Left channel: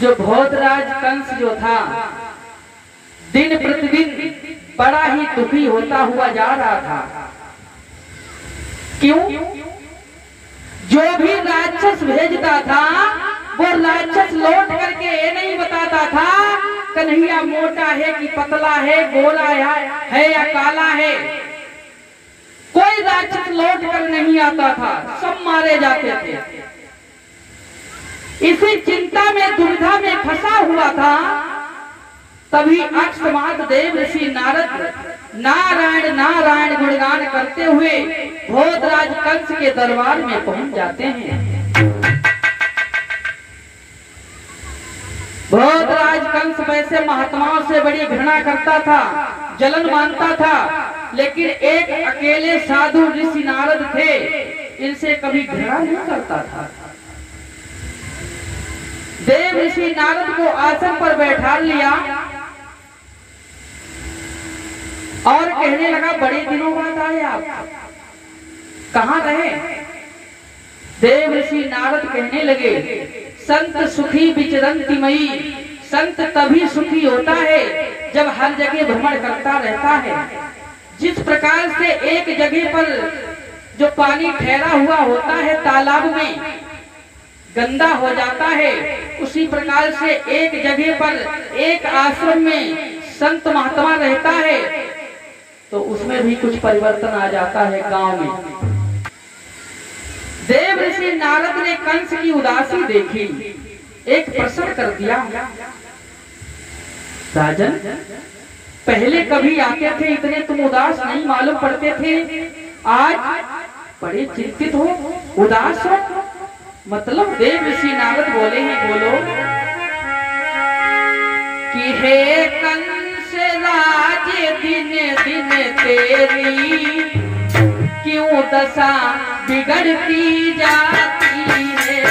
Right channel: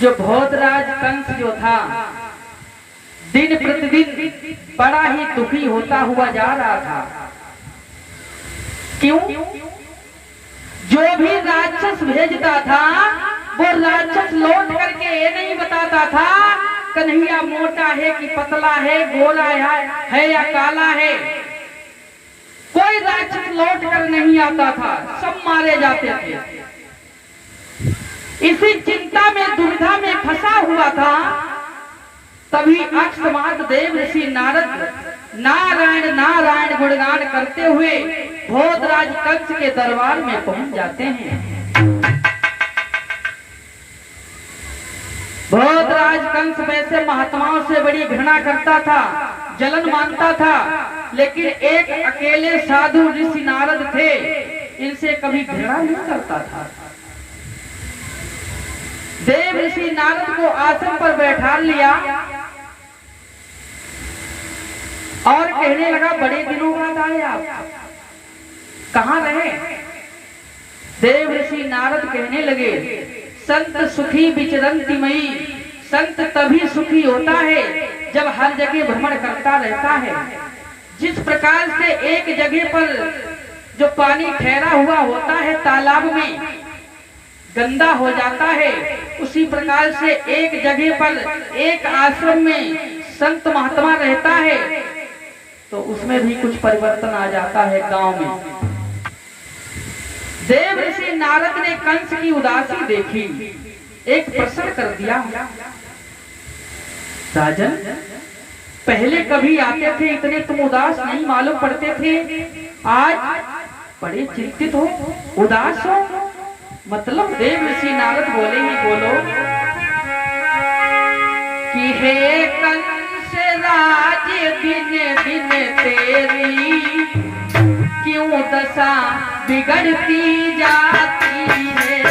जो भोजराज कंस जो था दिन प्रतिदिन बड़ा ही दुखी होता हुआ जा रहा था। क्यों? जो भी राक्षस भेजता था वो राक्षस लौट करके ये नहीं बताता था कन्हैया मोटा है कि पतला है, गोरा है या काला है। कोई राक्षस लौट कर नहीं आता था, सब मारे जाते थे। इसी चिंता में दुविधा में फंसा हुआ था। तभी अक्षमाद देव ऋषि नारद नारायण नारायण गुणगान करते हुए भोजराज कंस के दरबार में पहुंच जाते हैं। भोजराज कंस वैसे महात्माओं से बड़ी घृणा करता था, जलन मानता था, लेकिन एक अकेले साधु ऋषि नारद थे, इनसे कभी घृणा नहीं करता था। देव ऋषि नारद को आसन पर बैठा लिया और कहने लगा, बड़े दिनों बाद आए आप, कहां रहे? देव ऋषि नारद कहने लगे, संत सुखी विचरंति मई। संत तभी सुखी होता है जब हर जगह भ्रमण करता रहता है। जिस प्रकार से एक जगह पर जो पानी ठहरा हुआ होता है तालाब में गंदा हो जाता है, उसी प्रकार से एक जगह पर एक आश्रम में संत महात्मा रहता है तो उसमें भी कुछ परिवर्तन आ जाता है गांव में। देव ऋषि नारद ने कंस की उदासी देखी, एक प्रश्न कर दिया, राजन पहले कभी आते थे इतने तुम उदास नहीं मालूम पड़ते थे, आज बड़े चिंतित हो, उदास हो। मतलब देव ऋषि नारद बोले हैं, बोलो कि हे कंस राज दिन दिन तेरी क्यों दशा बिगड़ती जाती है।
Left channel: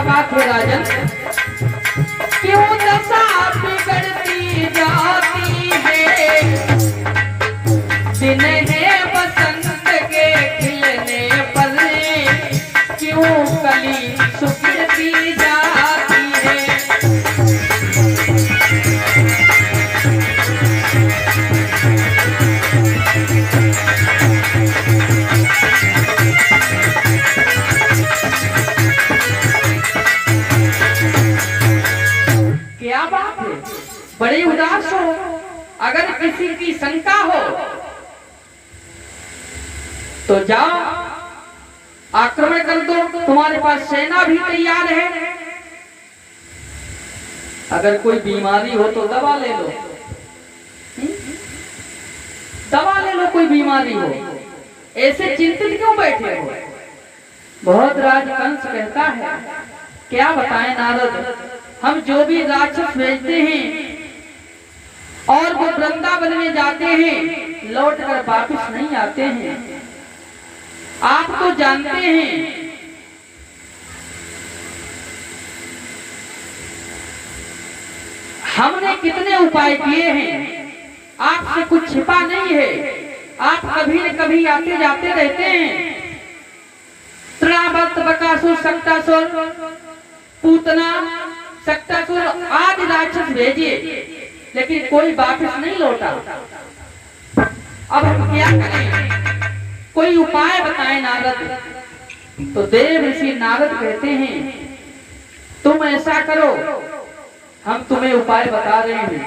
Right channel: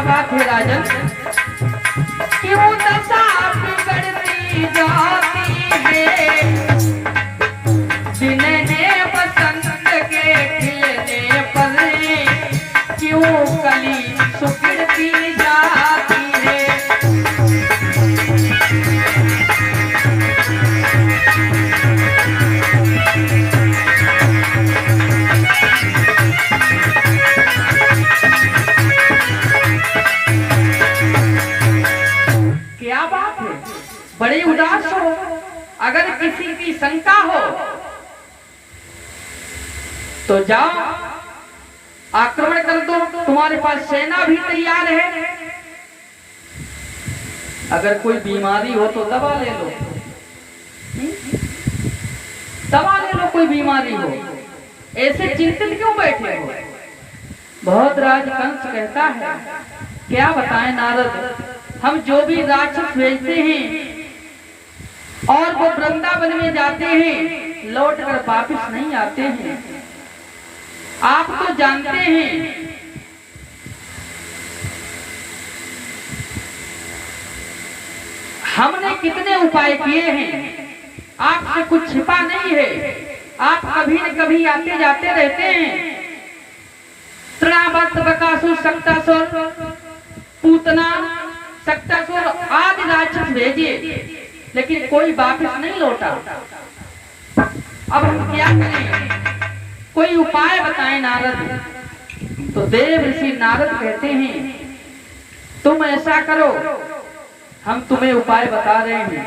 बात है राजन, क्यों दशा बिगड़ती जाती है। दिन है बसंत के खिलने पर क्यों कली सुखड़ती जाती है। क्या बात है, बड़े उदास हो। अगर किसी की शंका हो तो जाओ आक्रमण कर दो, तुम्हारे पास सेना भी तैयार है। अगर कोई बीमारी हो तो दवा ले लो, दवा ले लो, कोई बीमारी हो, ऐसे चिंतित क्यों बैठे हो। भोजराज कंस कहता है, क्या बताएं नारद, हम जो भी राक्षस भेजते हैं और वो वृंदावन में जाते हैं लौट कर वापिस नहीं आते हैं। आप तो जानते हैं हमने कितने उपाय किए हैं, आपसे कुछ छिपा नहीं है। आप कभी न कभी आते जाते रहते हैं। त्रावत बकासुर शक्तासुर पूतना शक्तासुर आदि राक्षस भेजे, लेकिन कोई वापस नहीं लौटा। अब हम क्या करें, कोई उपाय बताएं नारद। तो देव ऋषि नारद कहते हैं, तुम ऐसा करो, हम तुम्हें उपाय बता रहे हैं।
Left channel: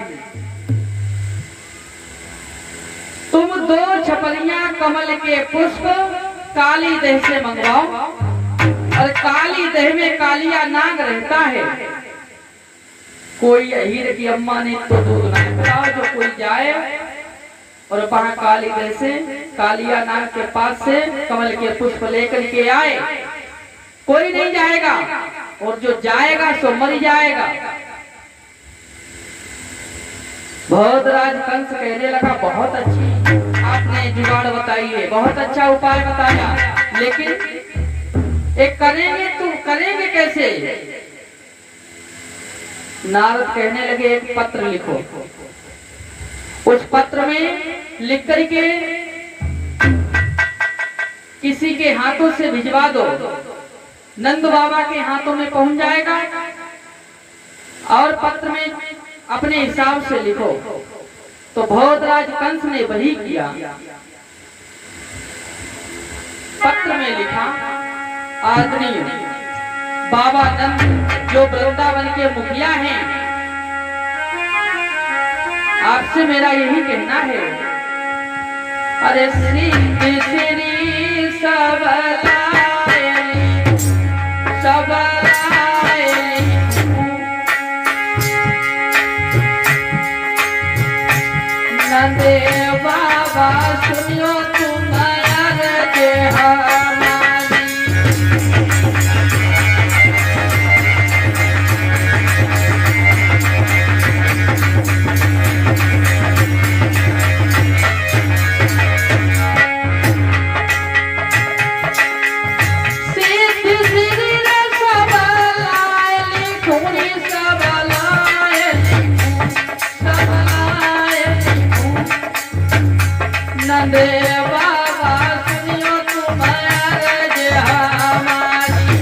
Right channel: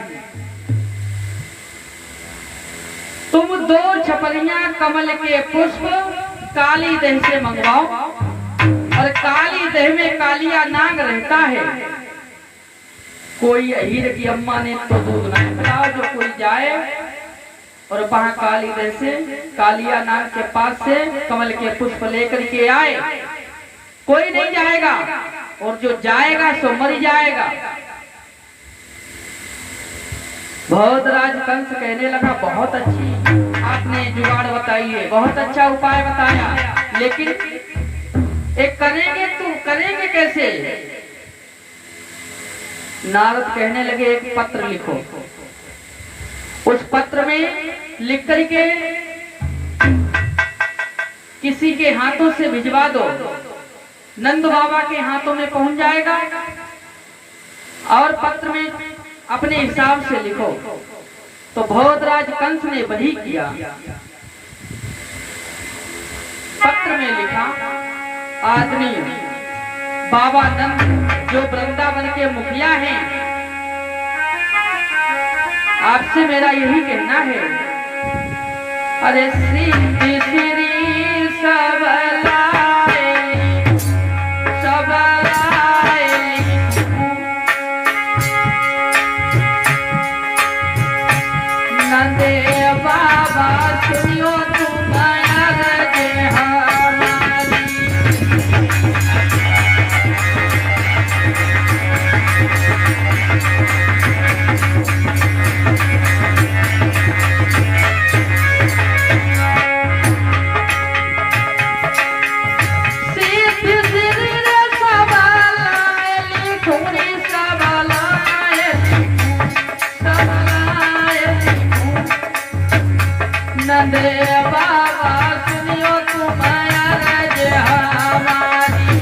तुम 2 छपलियां कमल के पुष्प काली दह से मंगवाओ, और काली दह में कालिया नाग रहता है। कोई हीर की अम्मा ने तो दूध नहीं पिलाओ, जो कोई जाए और वहां काली दह से कालिया नाग के पास से कमल के पुष्प लेकर के आए। कोई नहीं जाएगा, और जो जाएगा सो मर जाएगा। भोजराज कंस कहने लगा, बहुत अच्छी आपने जुगाड़ बताइए। बहुत अच्छा उपाय बताया, लेकिन एक करेंगे कैसे? नारद कहने लगे एक पत्र लिखो, उस पत्र में लिख करके किसी के हाथों से भिजवा दो, नंद बाबा के हाथों में पहुंच जाएगा, और पत्र में अपने हिसाब से लिखो। तो भोजराज कंस ने वही किया, पत्र में लिखा, आदमी बाबा नंद जो वृंदावन के मुखिया हैं, आपसे मेरा यही कहना है, अरे श्री श्री सबलाएली नंदे बाबा सुनियो तुम्हारा जे हमारी। नंदे बाबा सुनियो तुम्हारा जे हमारी।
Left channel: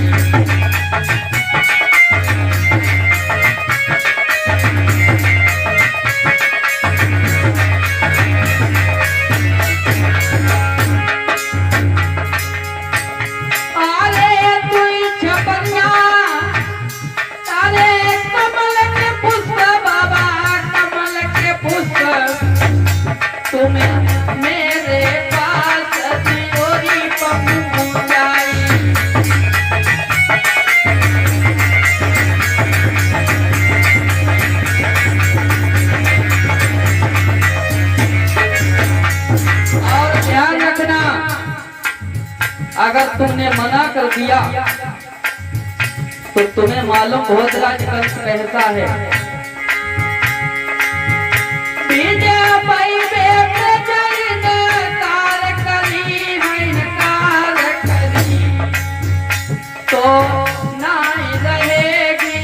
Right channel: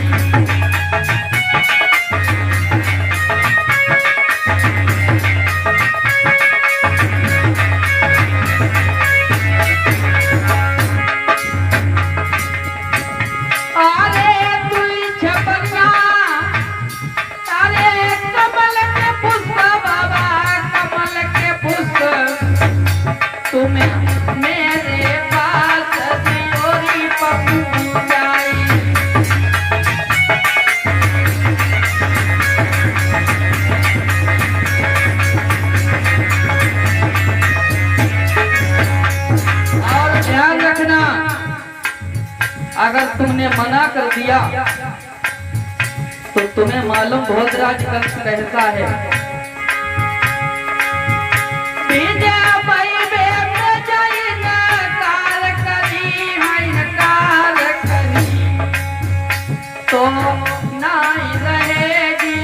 अरे तू छपनिया, अरे कमल के पुष्प बाबा, कमल के पुष्प तुम्हें मेरे पास दियोरी पहुंचाई। और ध्यान रखना, अगर तुमने मना कर दिया तो तुम्हें मालूम भोजराज कंस कहता है, तो नहीं रहेगी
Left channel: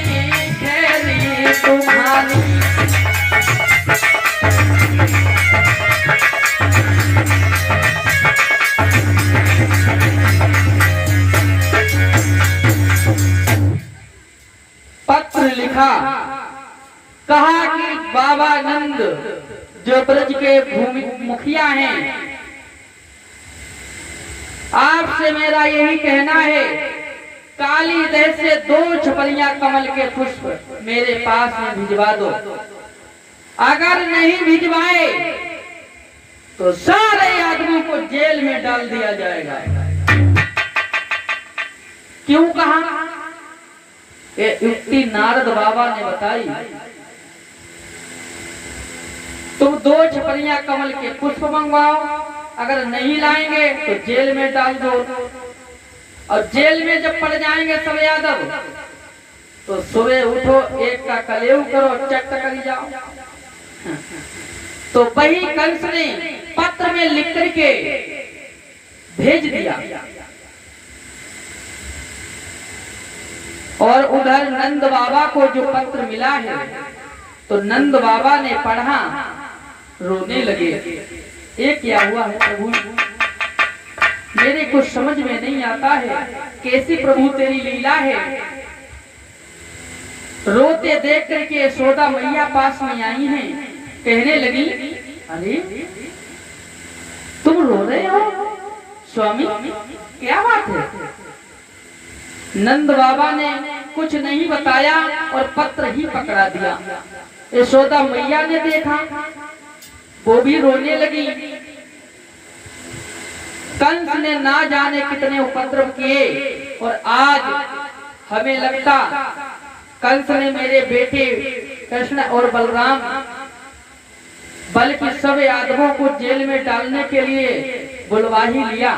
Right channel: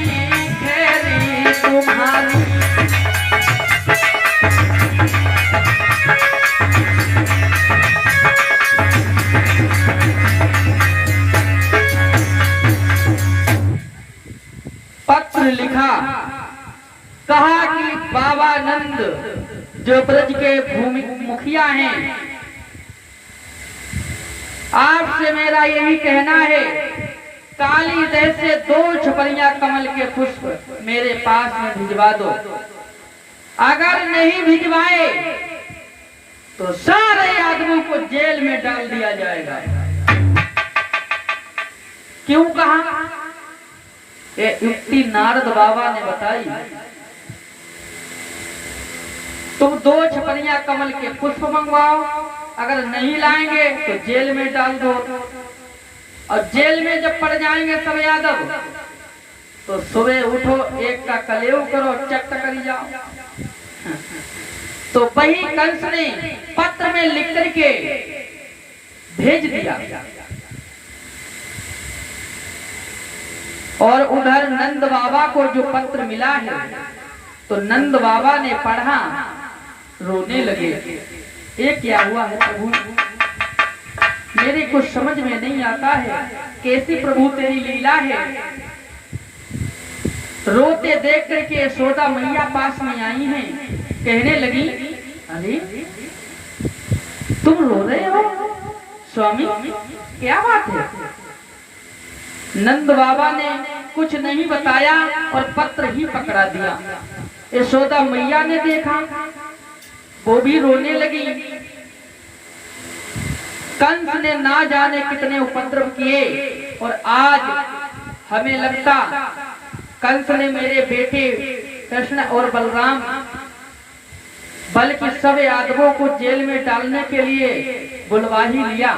खेरी तुम्हारी। पत्र लिखा, कहा कि बाबा नंद जो ब्रज के भूमि मुखिया हैं, आपसे मेरा यही कहना है, काली जैसे 2 छपलियां कमल के पुष्प मेरे पास में भिजवा दो। अगर नहीं भिजवाए तो सारे आदमी को जेल में डाल दिया जाएगा। क्यों कहा? ये युक्ति नारद बाबा ने बताई। तुम 2 छपलियां कमल के पुष्प मंगवाओ, अगर नहीं लाएंगे तो जेल में डाल दो, और जेल में जब पड़ जाएंगे सब यादव तो सुबह उठो, एक का कलेव करो, चट कर जाओ। तो वही कंस ने पत्र में लिख करके भेज दिया, और उधर नंद बाबा को जो पत्र मिला है, तो नंद बाबा ने पढ़ा, रोने लगे। ये क्या हुआ है प्रभु, मेरे कुछ समझ में नहीं आता है, कैसी प्रभु तेरी लीला है। रोते देख करके यशोदा मैया पास में आई हैं, कहने लगी, अरे तुम रो रहे हो स्वामी, क्या बात है? नंद बाबा ने कुछ नहीं बताया और पत्र ही पकड़ा दिया। यशोदा मैया ने देखा, वो भी रोने लगी। कंस ने ना जाने कितने उपद्रव किए, और आज हमें लगता कंस ने मेरे बेटे कृष्ण और बलराम बल्कि सब यादवों को जेल में डालने के लिए बुलवा ही लिया।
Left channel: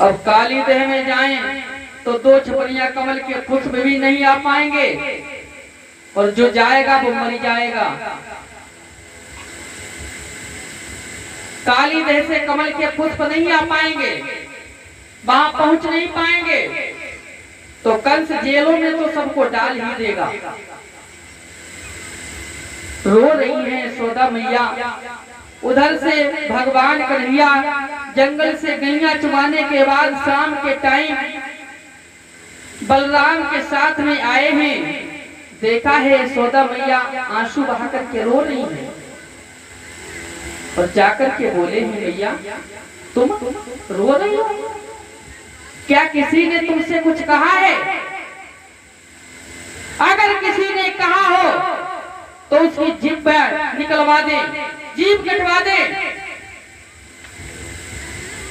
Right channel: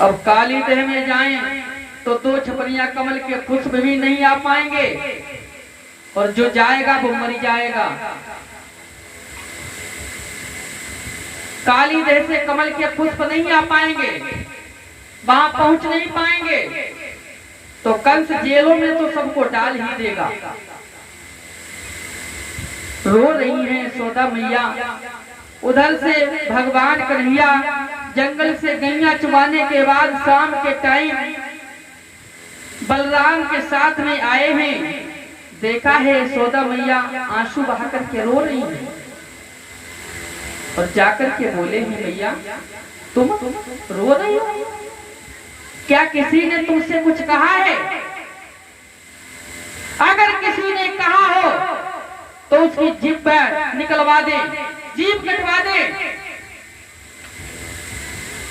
अब काली देह में जाएं तो 2 छपलियां कमल के पुष्प भी नहीं आ पाएंगे, और जो जाएगा वो मर जाएगा। काली देह से कमल के पुष्प नहीं आ पाएंगे, वहां पहुंच नहीं पाएंगे, तो कंस जेलों में तो सबको डाल ही देगा। रो रही है यशोदा मैया। उधर से भगवान कन्हैया जंगल से गैया चुमाने के बाद शाम के टाइम बलराम के साथ में आए हैं। देखा है यशोदा मैया आंसू बहा करके रो रही है और जाकर के बोले हैं, मैया तुम रो रही हो, क्या किसी ने तुमसे कुछ कहा है? अगर किसी ने कहा हो तो उसकी जीभ पर निकलवा दे, जीभ कटवा दे।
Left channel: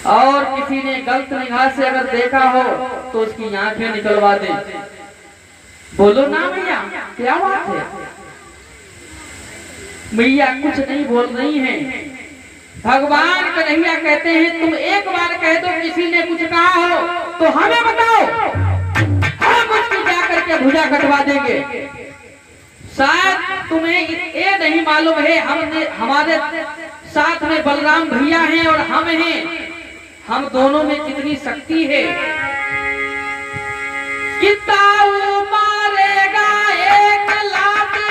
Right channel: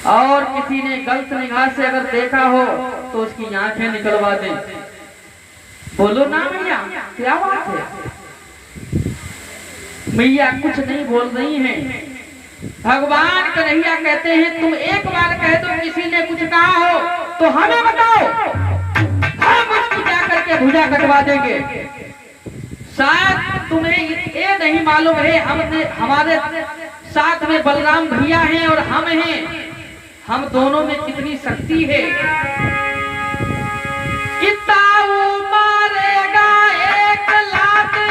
और किसी ने गलत निगाह से अगर देखा हो तो उसकी आंखें निकलवा दे। बोलो ना मैया, क्या बात है? मैया कुछ नहीं बोल रही हैं। भगवान कन्हैया कहते हैं, तुम एक बार कह दो किसी ने कुछ कहा हो तो हमें बताओ, हम उसकी जाकर के भुजा कटवा देंगे। शायद तुम्हें ये नहीं मालूम है, हमने हमारे साथ में बलराम भैया हैं और हम हैं, हम दोनों में कितनी शक्ति है। किताऊ मारेगा एक लाते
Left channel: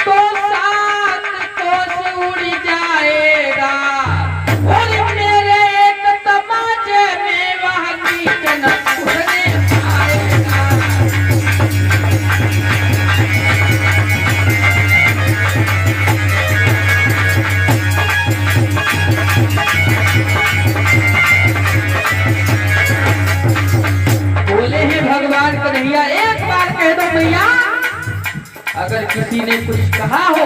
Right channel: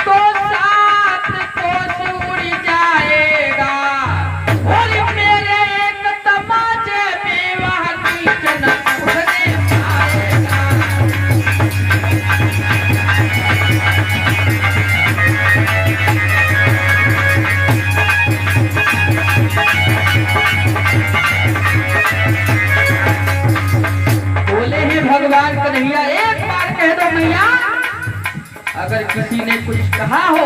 तो सात कोस उड़ जाएगा, और मेरे एक तमाचे में वह नीचन उड़ने आएगा। बोले हैं भगवान कन्हैया, एक बार कह दो भैया, अगर किसी ने कुछ कहा हो